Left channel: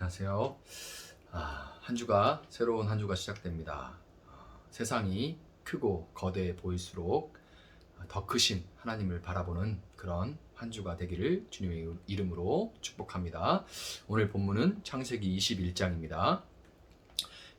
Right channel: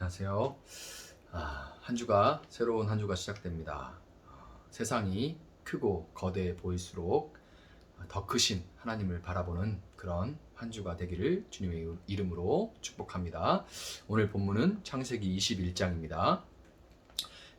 안녕하세요. 한 주가 새로운 한 주가 시작됩니다. 세상이 크고 거대해 보일수록 더 크신 하나님을 바라보는 그런 한 주가 되기를 주님의 이름으로 축복합니다. 오늘 본문은 창세기 21장입니다.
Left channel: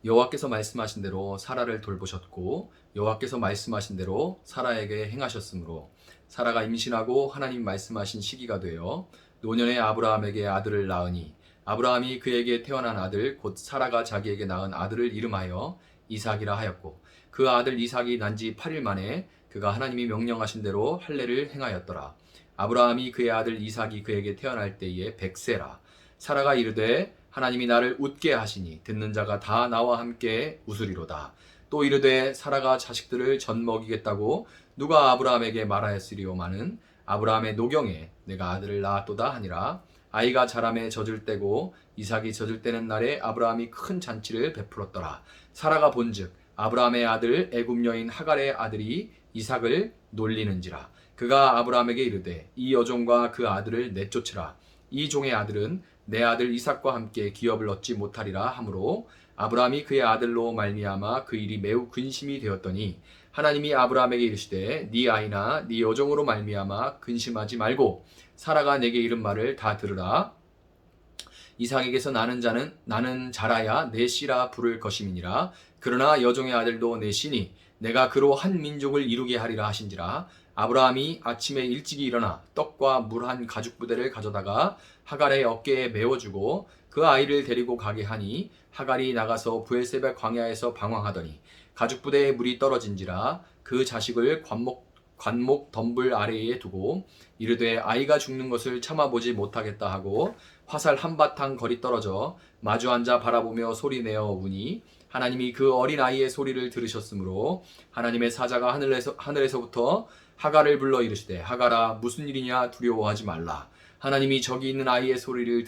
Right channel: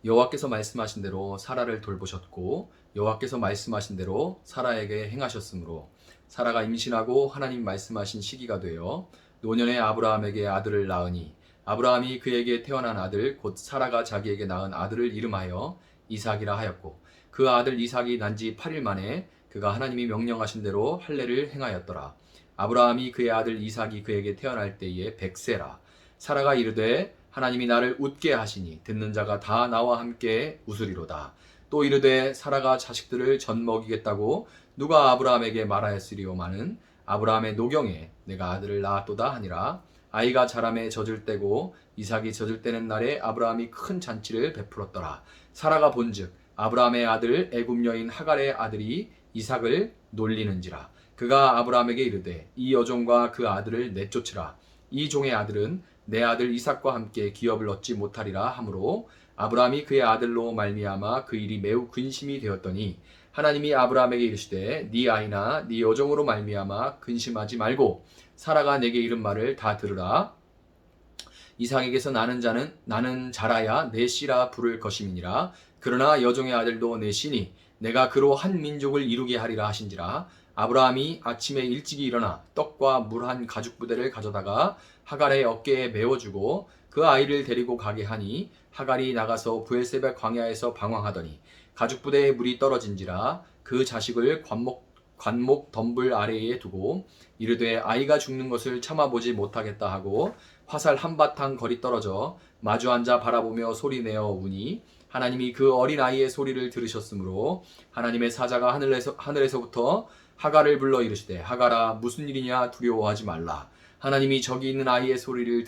여호와께서 말씀하신 대로 사라를 돌보셨고 여호와께서 말씀하신 대로 사라에게 행하셨으므로 사라가 임신하고 하나님 말씀하신 시기가 되어 노년의 아브라함에게 아들을 낳으니 아브라함이 그에게 태어난 아들 곧 사라가 자기에게 낳은 아들을 이름하여 이삭이라 하였고 그 아들 이삭이 난 지 8일 만에 그가 하나님이 명령하신 대로 할례를 행하였더라. 아브라함이 그의 아들 이삭이 그에게 태어날 때에 100세라. 사라가 이르되 하나님이 나를 웃게 하시니 듣는 자가 다 나와 함께 웃으리로다. 또 이르되 사라가 자식들을 전 먹이겠다고 누가 아브라함에게 말하였으리오마는 아브라함의 노경에 내가 아들을 낳았도다 하니라. 아이가 자라매 젖을 때고 이삭이 젖을 때는 날에 아브라함이 큰 잔치를 베풀었더라. 사라가 본즉 아브라함의 아들 애굽 여인 하갈의 아들이 이삭을 놀리는지라. 그가 아브라함에게 이르되 이 여종과 그 아들을 내쫓으라. 이 종의 아들은 내 아들 이삭과 함께 기업을 얻지 못하리라 하므로 아브라함이 그의 아들로 말미암아 그 일이 매우 근심이 되었더니 하나님이 아브라함에게 이르시되 네 아이나 네 여종으로 말미암아 근심하지 말고 사라가 내게 이른 말을 다 들으라. 이삭에게서 나는 자라야 내 씨라 부를 것임이니라. 그러나 여종의 아들도 내 씨니 내가 그로 한 민족을 이루게 하리라 하신지라. 아브라함이 아침에 일찍이 일어나 떡과 물 한 가죽 부대를 가져다가 하갈의 어깨에 메워주고 그 아이를 데리고 가게 하니 하갈이 나가서 브엘세바 광야에서 방황하더니 가죽 부대에 물이 떨어진지라. 그 자식을 관목 덤불 아래에 두고 이르되 아이가 죽는 것을 참아보지 못하겠다 하고 화살 한바탕 거리 떨어져 마주 앉아 바라보며 소리내어 우니 하나님이 그 어린 아이의 소리를 들으셨으므로 하나님의 사자가 하늘에서부터 하갈을 불러 이르시되 하갈아 무슨 일이냐 두려워하지 말라. 하나님이 저기 있는 아이의 소리를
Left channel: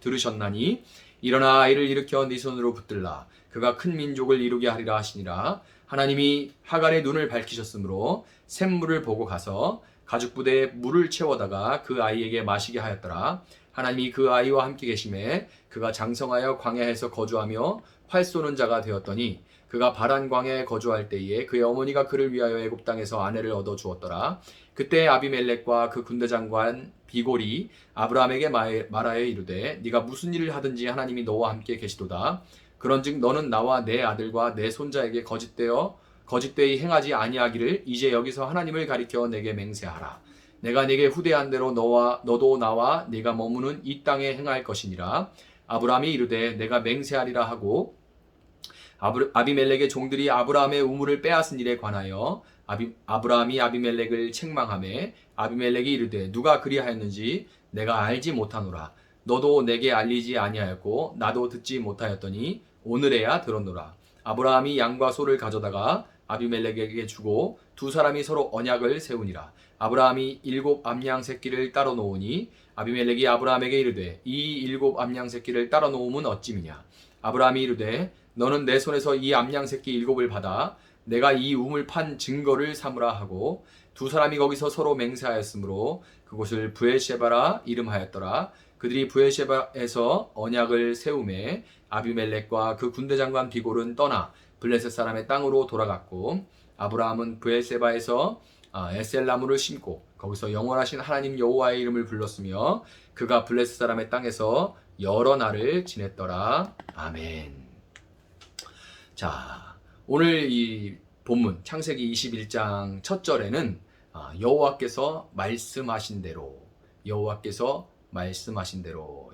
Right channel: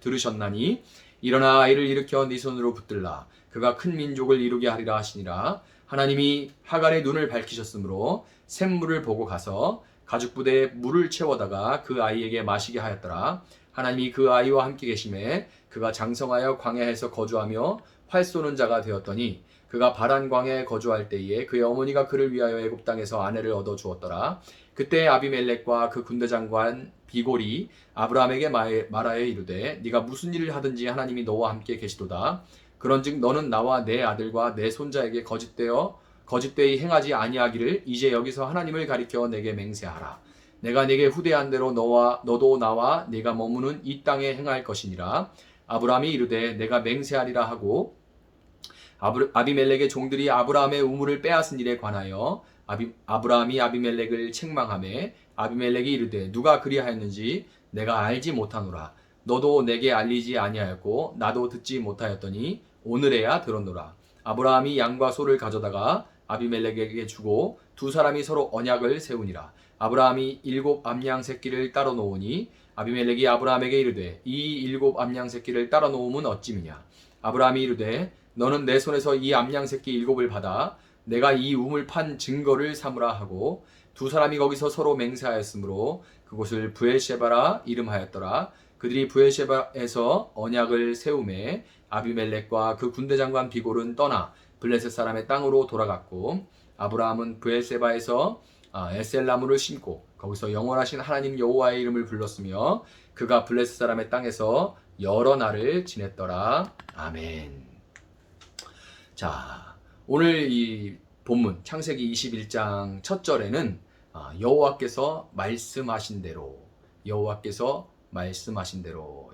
들으셨나니 일어나 아이를 일으켜 네 손으로 붙들라. 그가 큰 민족을 이루게 하리라 하시니라. 하나님이 하갈의 눈을 밝히셨으므로 샘물을 보고 가서 가죽 부대에 물을 채워다가 그 아이에게 마시게 하였더라. 하나님이 그 아이와 함께 계심에 그가 장성하여 광야에서 거주하며 활 쏘는 자가 되었더니 그가 바란 광야에 거주할 때에 그의 어머니가 그를 위하여 애굽 땅에서 아내를 얻어 주었더라. 그때 아비멜렉과 그 군대 장관 비골이 아브라함에게 말하여 이르되 네가 무슨 일을 하든지 하나님이 너와 함께 계시도다. 그런즉 너는 나와 내 아들과 내 손자에게 거짓되이 행하지 아니하기를 이제 여기서 하나님을 가리켜 내게 맹세하라. 내가 네게 후대한 대로 너도 나와 네가 머무는 이 땅에 행할 것이니라. 아브라함이 이르되 내가 맹세하리라 하고 아비멜렉의 종들이 아브라함의 우물을 빼앗은 일에 관하여 아브라함이 아비멜렉을 책망하매 아비멜렉이 이르되 누가 그리하였는지 내가 알지 못하노라. 너도 내게 알리지 아니하였고 나도 듣지 못하였더니 오늘에야 들었노라. 아브라함이 양과 소를 가져다가 아비멜렉에게 주고 두 사람이 서로 언약을 세우니라. 아브라함이 7 암양 새끼를 따로 놓으니 아비멜렉이 아브라함에게 이르되 이 7 암양 새끼를 따로 놓음은 어찌미냐. 아브라함이 이르되 너는 내 손에서 이 암양 새끼 7을 받아 내가 이 우물 판 증거를 삼으라 하고 두 사람이 거기서 서로 맹세하였으므로 그곳을 브엘셰바라 이름하였더라. 그들이 브엘셰바에서 언약을 세우매 아비멜렉과 그 군대 장관 비골은 떠나 블레셋 사람의 땅으로 돌아갔고 아브라함은 브엘세바에서 에셀나무를 심고 거기서 영원하신 하나님 여호와의 이름을 불렀으며 그가 블레셋 사람의 땅에서 여러 날을 지냈더라. 아멘. 자, 오늘 이 본문 창세기 21장 첫 절에는 여호와께서 말씀하신 대로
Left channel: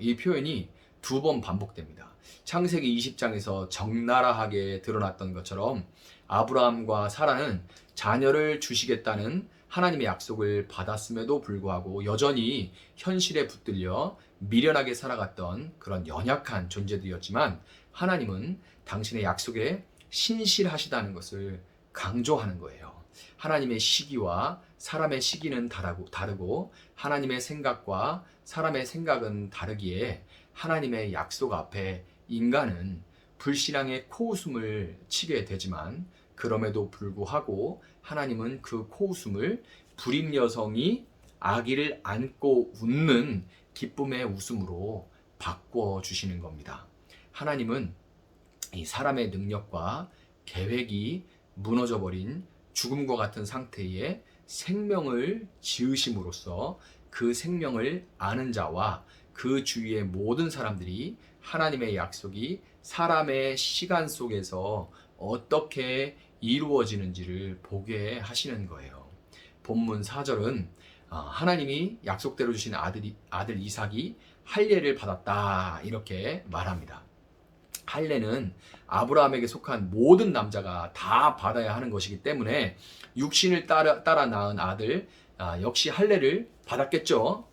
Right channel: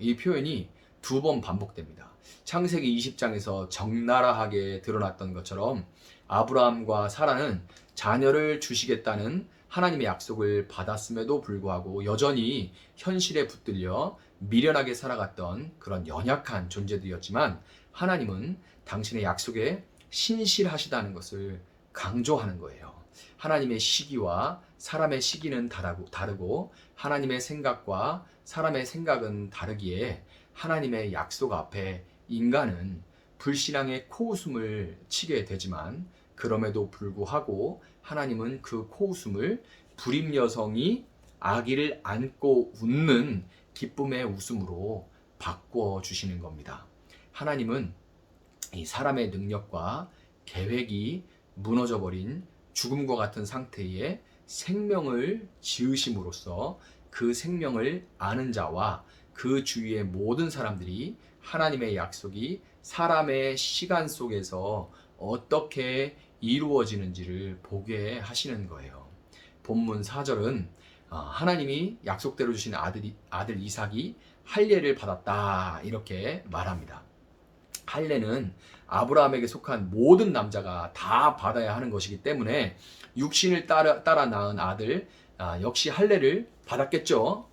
이 표현이 2번 반복됩니다. 창세기 20장에서 적나라하게 드러났던 것처럼 아브라함과 사라는 자녀를 주시겠다는 하나님의 약속을 받았음에도 불구하고 여전히 현실에 붙들려 미련하게 살아갔던 그런 연약한 존재들이었지만 하나님은 당신의 약속에 신실하시다는 것을 강조하는 거예요. 하나님의 시기와 사람의 시기는 다르고 하나님의 생각과 사람의 생각은 다르기에 하나님의 약속 앞에 인간은 불신앙의 코웃음을 치게 되지만 그럼에도 불구하고 하나님은 그 코웃음을 불임 여성이 아기를 안고 웃는 기쁨의 웃음으로 바꿔 주시는 겁니다. 하나님은 이 사람의 능력과 계획이 무너져 버린 죽음과 같은 상태에 생명을 지으심으로써 그 생명을 아는 자와 그 주위의 모든 사람들이 하나님의 약속이 사람의 시간 속에서 어떻게 이루어지는지를 보게 하시는 거예요. 본문 4절은 하나님이 약속대로 주신 아들 이삭이 할례를 받았다 이렇게 말합니다. 할례는 아브라함에게 속한 모든 남자가 다 받아야 하는 것이기 때문에 육신을 따라 낳은 아들 역시 할례를 받았겠죠.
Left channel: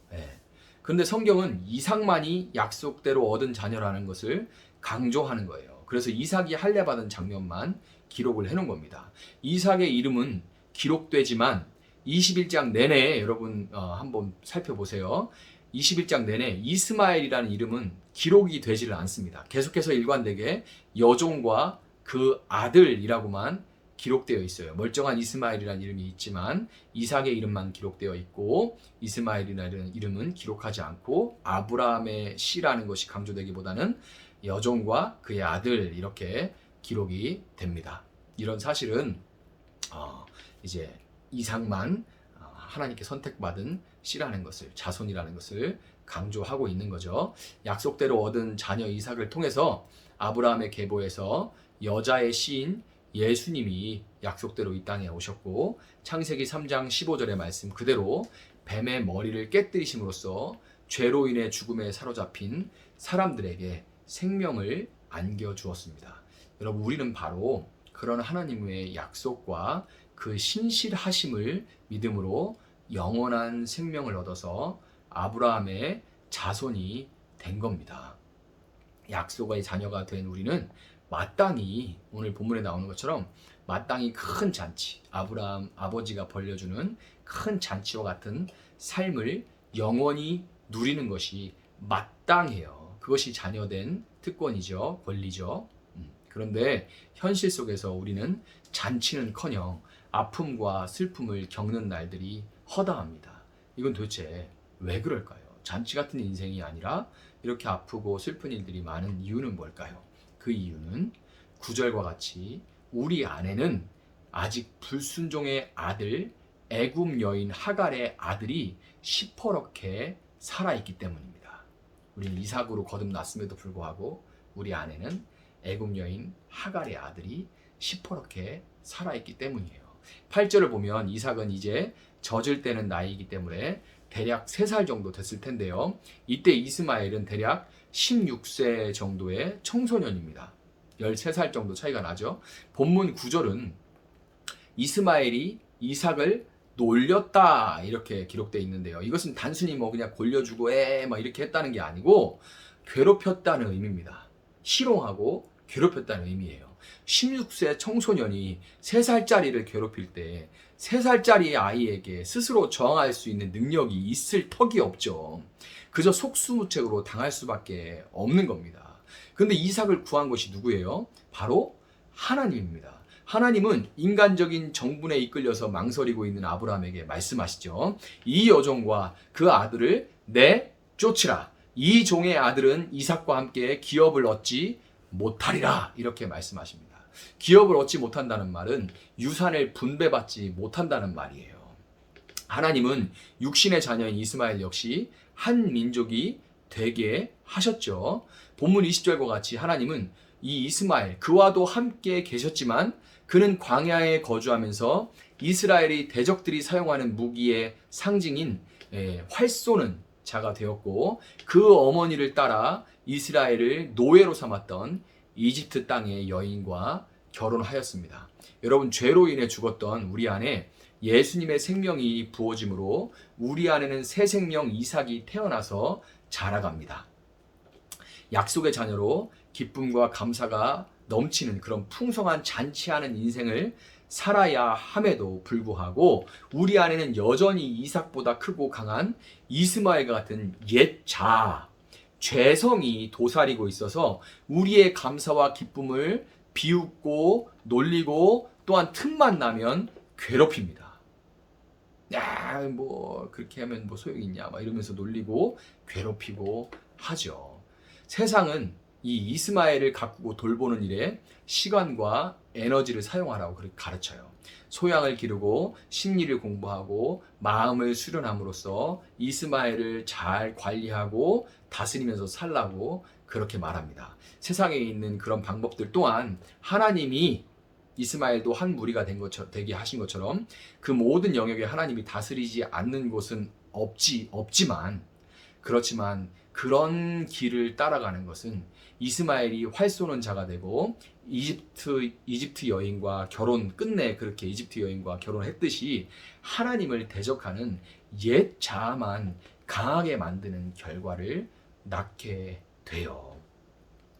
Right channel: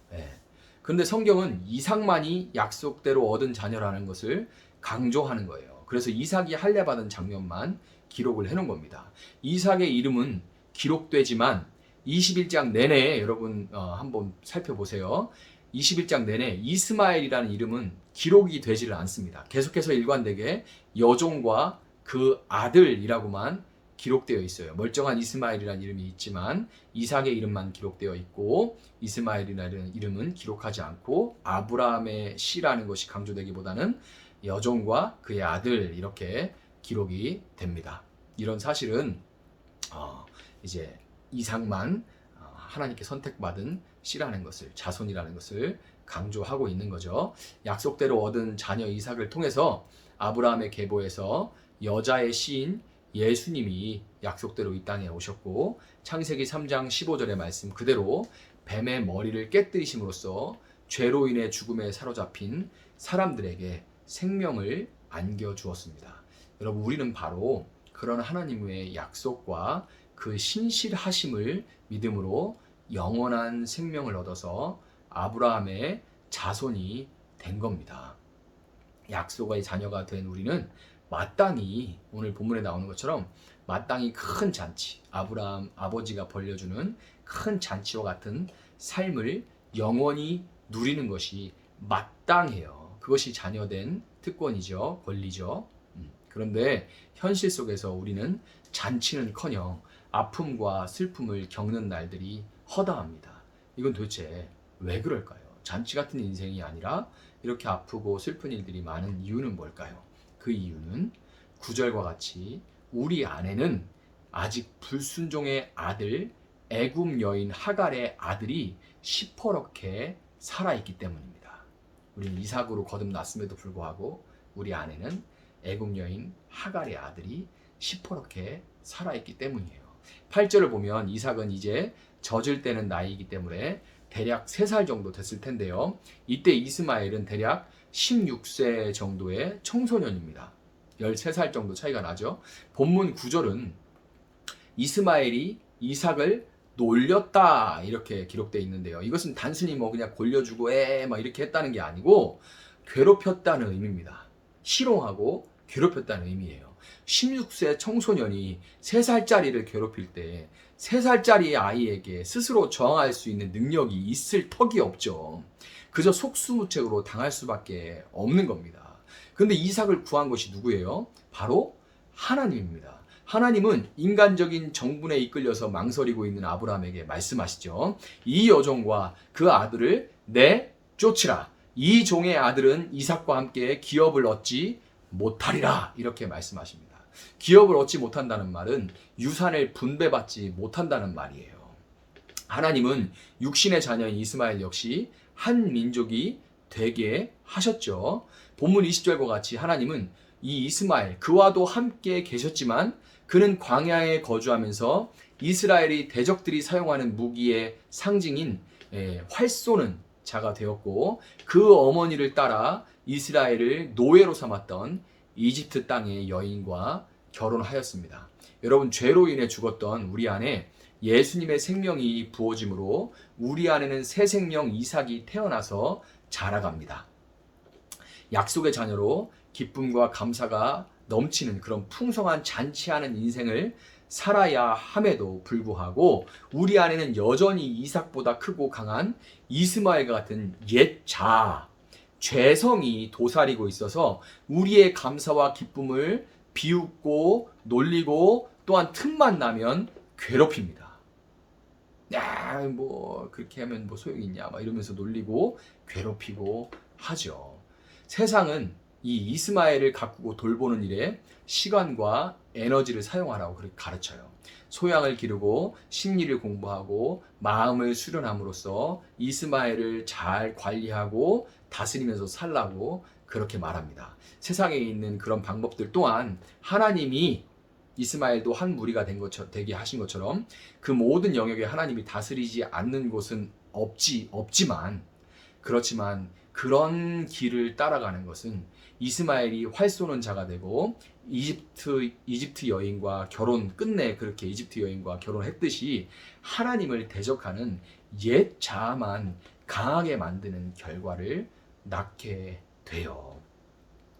그런데 성경은 이삭만이 약속대로 얻은 자녀라는 것을 강조하는 거예요. 그래서 이삭이 할례 받은 장면만 기록을 해놓은 겁니다. 이삭의 이름은 기록되지만 21장 내내 여러분 한번 살펴보세요. 21장 내내 이스마엘이라는 이름은 기록이 되지를 않습니다. 계속해서 일관되게 여종과 그 아들이라고만 기록되어 있어요. 멀쩡한 이스마엘이라는 이름이 있지만 이삭의 이름만 기록되어 있고 이스마엘이라는 이름은 기록하지 않고 아브라함의 씨라는 것이 강조되기보다는 여종과 그의 아들 이렇게 기록이 됩니다. 이런 사실은 이제 이삭만 하나님께 선택받은 씨라는 것을, 자손이라는 것을 강조하고 있는 거죠. 약속대로 얻은 자녀 이삭을 통해서 아브라함의 계보에서 여자의 씨인 예수님이 약속대로 이 땅에 오셨고 창세기 3장 15절의 말씀 그대로 뱀의 머리를 깨뜨리심으로써 죄로 인해 죽음에 사로잡힌 사람들에게 생명을 안겨주었습니다. 여러분, 우리는 바로 그런 하나님의 약속과 그 신실하심을 믿음으로 영원한 생명을 얻어서 아브라함의 자손이 된 겁니다. 약속의 자녀가 된 우리는 마땅히 오늘 본문에 나오는 것처럼 마땅히 큰 잔치, 아브라함 아버지가 벌려주는 큰 잔치와 같은 삶을 영원히 누리는 것이 마땅해요. 그것이 자녀된 특권이죠, 권리죠. 그런데 현실 속에서 우리는 잔치는커녕 아픔과 슬픔을 겪는 날들이 허다합니다. 이건 도대체 왜 그럴까요? 잔치 같은 인생이 아니라 이렇게 아프고 슬픈 일들이 많은 이유는 뭘까요? 그 이유는 9절과 같이 우리 안에는 아직 불순종의 아들 애굽 여인 하갈의 아들이 시퍼렇게 살아있기 때문입니다. 우리는 이삭으로 거듭났음에도 불구하고 우리 안에는 애굽 여인 하갈의 아들이 시퍼렇게 살아있기 때문이에요. 8절을 보면 이삭은 이제 젖을 때는 나이이기 때문에 대략 3살 정도 됐을 텐데요. 이때 이스마엘은 대략 16세 정도의 청소년입니다. 13살 정도 차이가 나죠. 본문 9절은 이스마엘이 이삭을 놀렸다 이렇게 기록되어 있는데요. 이것은 단순히 그냥 골려주고 막 이렇게 했다는 게 아니고 괴롭혔다는 의미입니다. 희롱하고 괴롭혔다는 의미예요. 16세 청소년이 3살짜리를 괴롭힐 때 3살짜리 아이에게 스스로 저항할 수 있는 능력이 있을 턱이 없죠. 그저 속수무책으로 당할 수밖에 없는 겁니다. 그런데 이삭을 구한 것이 누구예요? 바로 하나님입니다. 하나님은 인간적인 정분에 이끌려서 망설이고 있는 아브라함에게 말씀하시죠. 이 여종과 그 아들을 내쫓으라. 이 종의 아들은 이삭과 함께 기업을 얻지 못하리라. 이렇게 말씀하십니다. 기업을 얻지 못한다는 말은 유산을 분배받지 못한다는 말이에요. 하나님은 육신의 자녀인 이스마엘 역시 한 민족이 되게 하셨죠. 본문 20절과 같이 하나님은 이 이스마엘 그와도 함께 계셨지만 그는 광야에 거주하면서 이스라엘이 대적들이 사용하는 무기의 상징인 활 쏘는 자가 되었고 그 어머니를 따라 이스라엘을 노예로 삼았던 이집트 땅의 여인과 결혼하였습니다. 여러분, 죄로 인해 죽었던 우리 안에 예수님의 생명이 부어짐으로 우리 안에는 새 생명 이삭이 태어나서 자라갑니다. 약속의 자녀로 기쁨과 감사가 넘치는 그런 풍성한 잔치하는 인생을 살아야 함에도 불구하고 우리 안에는 여전히 이삭보다 크고 강한 이스마엘과 같은 옛 죄성이 도사리고 있어서 우리의 감사와 기쁨을 비웃고 놀리고 또한 틈만 나면 괴롭힙니다. 그렇게 하면 소용이 있냐 이러면서 놀리고 괴롭히고 하죠. 세상은 이 이스마엘을 가꾸고 돌보는 일에 시간과 에너지를 사용하라고 그렇게 가르쳐요. 소양을 기르고 심리를 공부하고 마음을 수련함으로써 이스마엘을 잘 관리하고 다스리면서 살라고 그렇게 말합니다. 세상에 있는 그런 방법들 또한 하나님이 이스마엘도 한 무리가 되게 하신 것처럼 그 모든 영역에 하나님이 다스리지 않는 곳은 없지만, 그렇지만 그런 길을 따라가는 것은 이스마엘이 활 쏘는 자가 되고 이집트 여인과 끝내 그렇게 이집트 여인과 결혼했듯이 하나님을 대적하는 옛 자아만 강하게 만드는 결과를 낳게 돼요.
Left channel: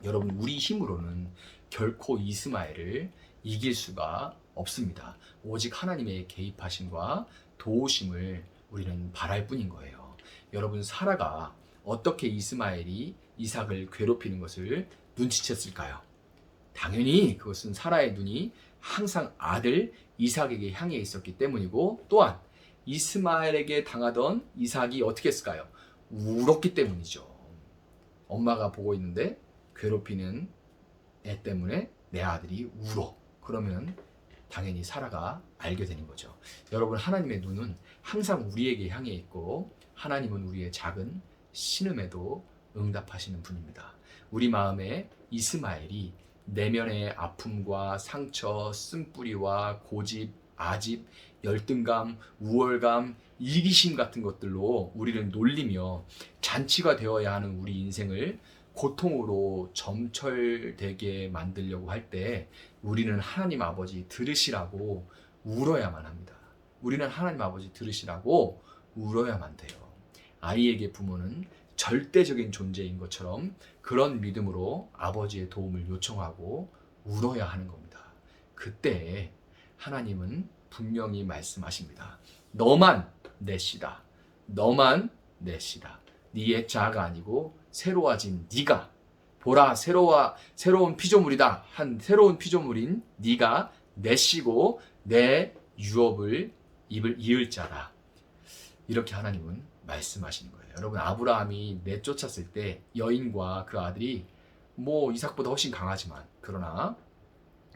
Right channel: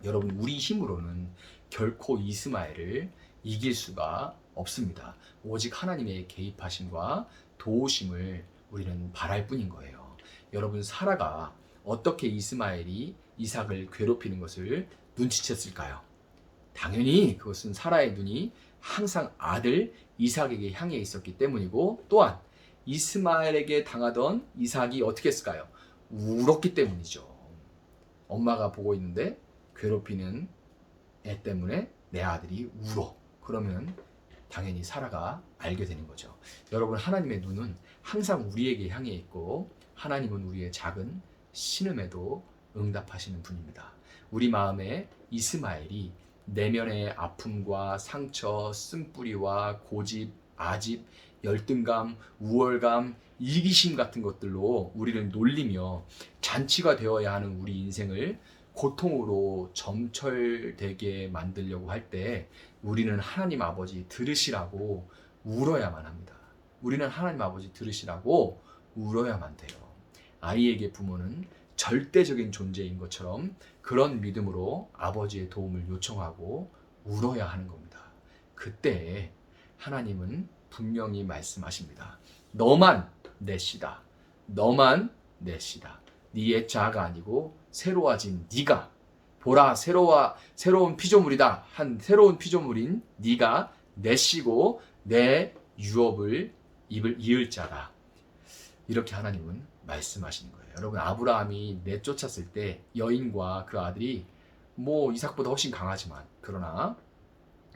여러분, 우리 힘으로는 결코 이스마엘을 이길 수가 없습니다. 오직 하나님의 개입하심과 도우심을 우리는 바랄 뿐인 거예요. 여러분, 사라가 어떻게 이스마엘이 이삭을 괴롭히는 것을 눈치챘을까요? 당연히 그것은 사라의 눈이 항상 아들 이삭에게 향해 있었기 때문이고, 또한 이스마엘에게 당하던 이삭이 어떻게 했을까요? 울었기 때문이죠. 엄마가 보고 있는데 괴롭히는 애 때문에 내 아들이 울어. 그러면 당연히 사라가 알게 되는 거죠. 여러분, 하나님의 눈은 항상 우리에게 향해 있고 하나님은 우리의 작은 신음에도 응답하시는 분입니다. 우리 마음에 이스마엘이 내면의 아픔과 상처, 쓴뿌리와 고집, 아집, 열등감, 우월감, 이기심 같은 것들로 우리를 놀리며 잔치가 되어야 하는 우리 인생을 고통으로 점철되게 만들려고 할 때 우리는 하나님 아버지 들으시라고 울어야만 합니다. 우리는 하나님 아버지 들으시라고 울어야만 돼요. 아이에게 부모는 절대적인 존재인 것처럼 그런 믿음으로 아버지의 도움을 요청하고 울어야 하는 겁니다. 그때 하나님은 분명히 말씀하십니다. 너만 내 씨다. 너만 내 씨다. 네의 자아가 아니고 새로워진 네가 보라 새로운 피조물이다 한 새로운 피조물인 네가 내 씨고 내 유업을 이을 자다. 이렇게 하나님은 말씀하시는 거예요. 여러분, 아브라함이 내쫓았을 때 여인과 그 아들이 이삭보다 훨씬 강하지만 그러나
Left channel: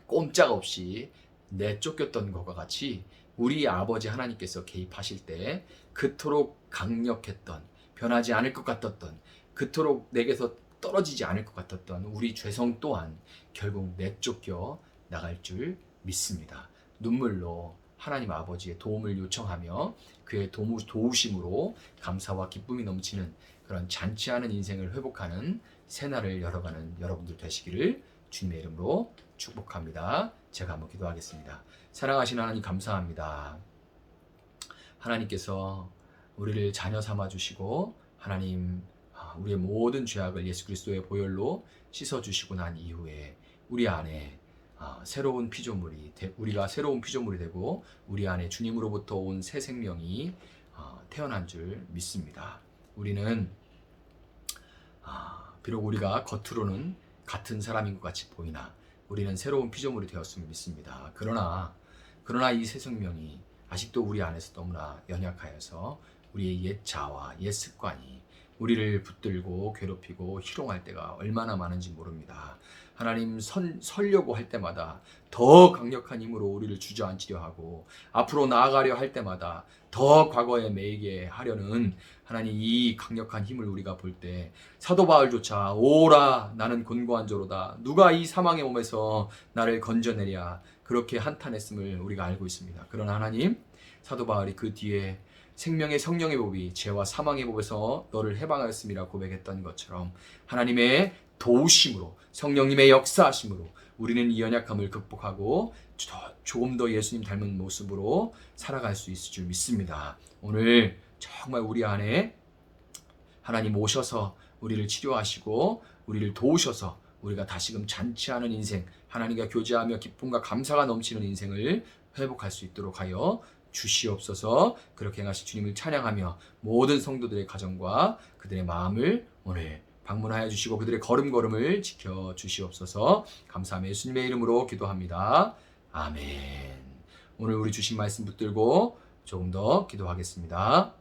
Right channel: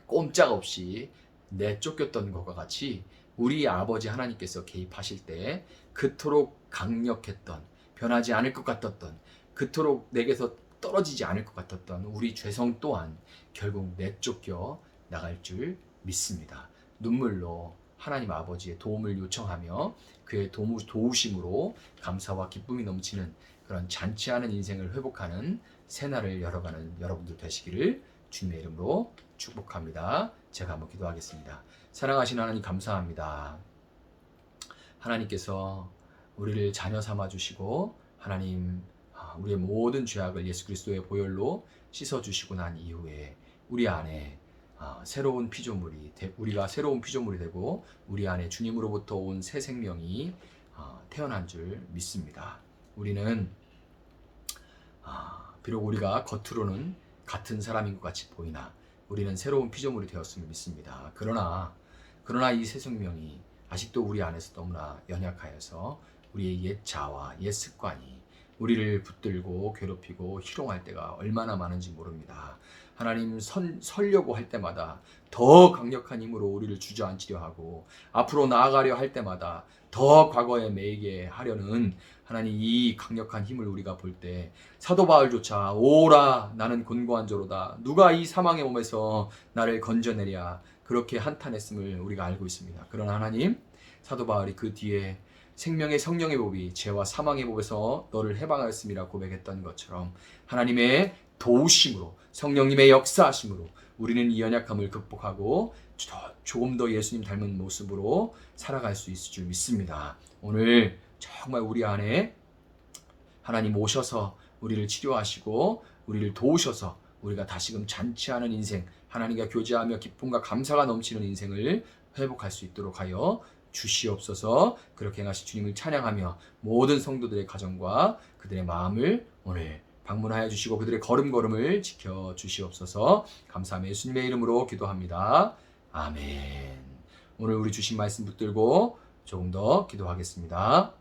꼼짝없이 내쫓겼던 것과 같이 우리 아버지 하나님께서 개입하실 때 그토록 강력했던, 변하지 않을 것 같았던, 그토록 내게서 떨어지지 않을 것 같았던 우리 죄성 또한 결국 내쫓겨 나갈 줄 믿습니다. 눈물로 하나님 아버지의 도움을 요청하며 그의 도우심으로 감사와 기쁨이 넘치는 그런 잔치하는 인생을 회복하는 새날을 열어가는 여러분들 되시기를 주님의 이름으로 축복합니다. 제가 한번 기도하겠습니다. 사랑하신 하나님, 감사합니다. 하나님께서 우리를 자녀 삼아 주시고 하나님 우리의 모든 죄악을 예수 그리스도의 보혈로 씻어주시고 난 이후에 우리 안에 새로운 피조물이 우리가 새로운 피조물이 되고 우리 안에 주님으로부터 온 새 생명이 태어난 줄 믿습니다. 우리는 비록 우리가 겉으로는 같은 사람인 것 같이 보이나 우리는 새로운 피조물이 되었음을 믿습니다. 그러나 이 새 생명이 아직도 우리 안에서 너무나 연약하여서 우리의 옛 자아와 옛 습관이 우리를 붙들고 괴롭히고 희롱할 때가 얼마나 많은지 모릅니다. 하나님, 설려고 할 때마다 더 강력한 힘으로 우리를 주저앉히려 하고 앞으로 나아가려 할 때마다 더 과거에 매이게 하려는 하나님 이 강력한 힘을 우리가 볼 때 사도 바울조차 오라 나는 곤고한 자로다 누가 이 사망의 몸에서 나를 건져내랴 그렇게 한탄했음을 우리가 알고 있습니다. 그러나 하나님, 사도 바울이 그 뒤에 생명의 성령의 법이 죄와 사망의 법에서 너를 해방하였음이라 고백했던 것처럼 하나님의 도우심으로 성령님의 역사하심으로 우리는 이 연약함을 극복하고 조금 더 예수님 닮은 모습으로 살아갈 수 있을 줄 믿습니다. 오늘 정말 우리 안에 하나님 오셔서 우리를 치료하시고 우리를 도우셔서 우리가 다시금 잔치하는 인생, 하나님과 교제하며 기쁨과 감사가 넘치는 인생을 회복할 수 있도록 하여 주시옵소서. 그렇게 행하실 주님을 찬양하며 모든 성도들의 가정과 그들의 마음을 오늘 방문하여 주시고 그들의 걸음걸음을 지켜 주시옵소서. 감사하며 예수님의 이름으로 기도합니다. 아멘. 오늘 우리 주신 말씀 붙들고 조금 더 기도하겠습니다.